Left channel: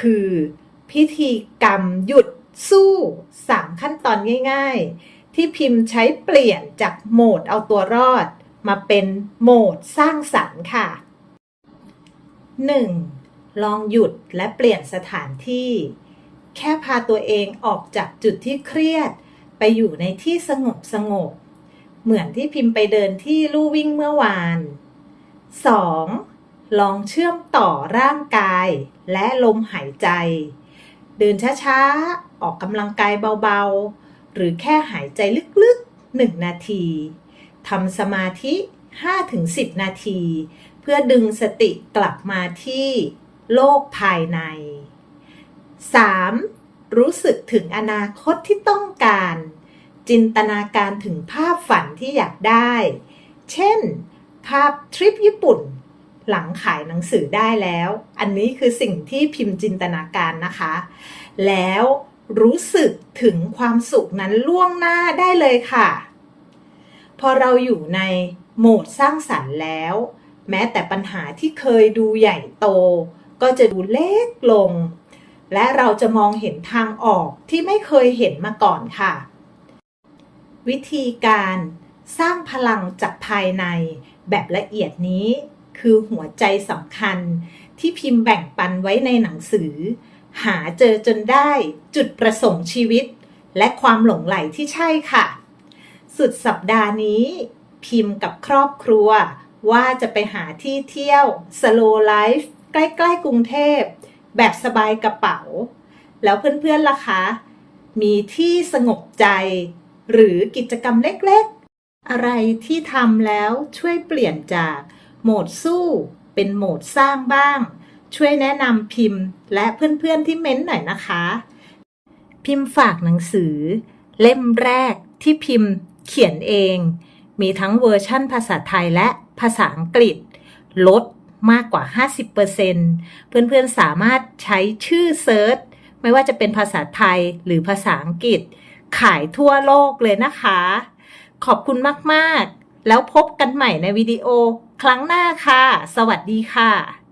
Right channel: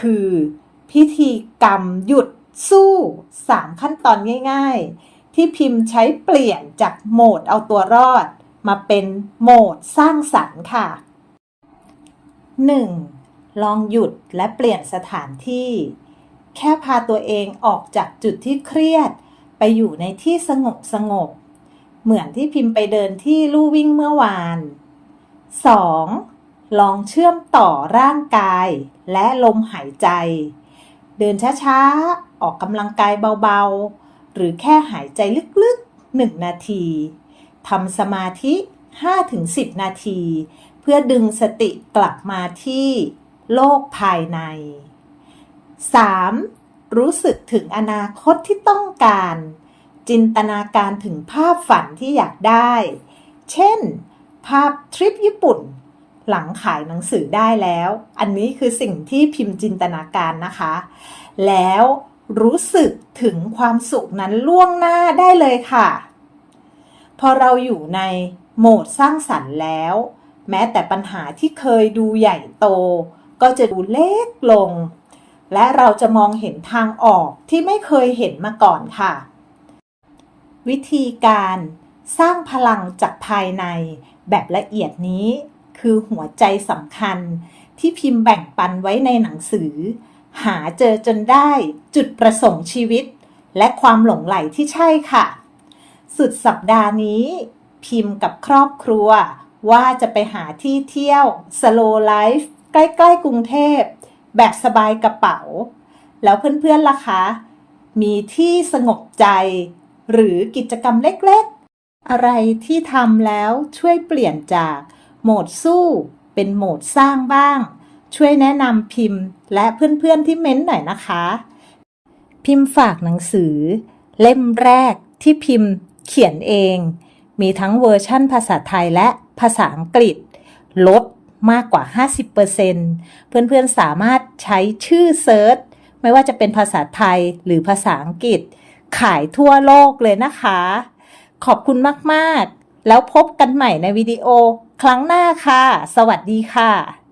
คือ พิธีกรรมหยุดสู้ 3 ขั้นตอนง่าย ๆ ที่พิมพ์ใช้เปลี่ยนจากโหมดเอาตัวรอด มาเป็นโหมดสร้างสรรค์ค่ะ 1. ลองหยุดและเปลี่ยนสถานที่ แค่พาตัวเองออกจากจุดที่เครียด ไปอยู่ในที่สงบสงบๆเหมือนที่พิมพ์ไปเดินที่ลู่วิ่งเมื่อวาน 2. ลองเชื่อมต่อร่างกายและลมหายใจ เดินช้าๆ ออกกำลังกายเบาๆ หรือแค่หายใจลึกๆ 1 นาทีทำสมาธิ 5-10 นาที เพื่อดึงสติกลับมาที่โลกภายใน 3. รู้สึกถึงอนาคตที่ต้องการ จินตนาการถึงภาพฝันที่อยากได้ เช่น ภาพทริปญี่ปุ่น หลังขายหนังสือได้แล้ว อันนี้คือสิ่งที่พิมพ์จินตนาการนะคะ แล้วรู้สึกถึงความสุขนั้นล่วงหน้าได้เลยค่ะ พอเราอยู่ในโหมดสร้างสรรค์แล้ว แม้แต่ปัญหาที่เคยดูใหญ่โต ก็จะดูเล็กลง และเราจะมองเห็นทางออกที่ไม่เคยเห็นมาก่อนค่ะ วิธีการสร้างพลังจากภายในแบบละเอียดนี้ คือหัวใจสำคัญ ที่พิมพ์แบ่งปันไว้ในหนังสือ หาเจอจนได้จุดประสงค์ชีวิต และความหลงไหลที่ใช่ค่ะ สุดสัปดาห์นี้ พิมพ์กับครอบครัว ว่าจะไปหาที่เที่ยว slow life ใกล้ๆกรุงเทพ แบบสบายกระเป๋า แล้วเพื่อนๆล่ะคะ มีที่สงบใจ หรือกิจกรรมเล็กๆ อะไรที่ทำแล้วช่วยเปลี่ยนจาก โหมดสู้ เป็นโหมดสร้างบ้าง ช่วยแนะนำพิมพ์ และเพื่อนๆที่เม้นต์หน่อยนะคะ พิมพ์ฝากหนังสือ เล่มแรกที่พิมพ์เขียนเอง มีทั้งเวอร์ชั่นภาษาไทยและภาษาอังกฤษ ลดมากกว่า 50%เพื่อนๆสามารถใช้ชื่อเซิร์ชไม่ว่าจะเป็นภาษาไทยหรือภาษาอังกฤษ ขายทั่วโลกเลยนะคะ ขอบคุณมาก ๆ แล้วพบกันใหม่ในวิดีโอ ครั้งหน้าค่ะ สวัสดีค่ะ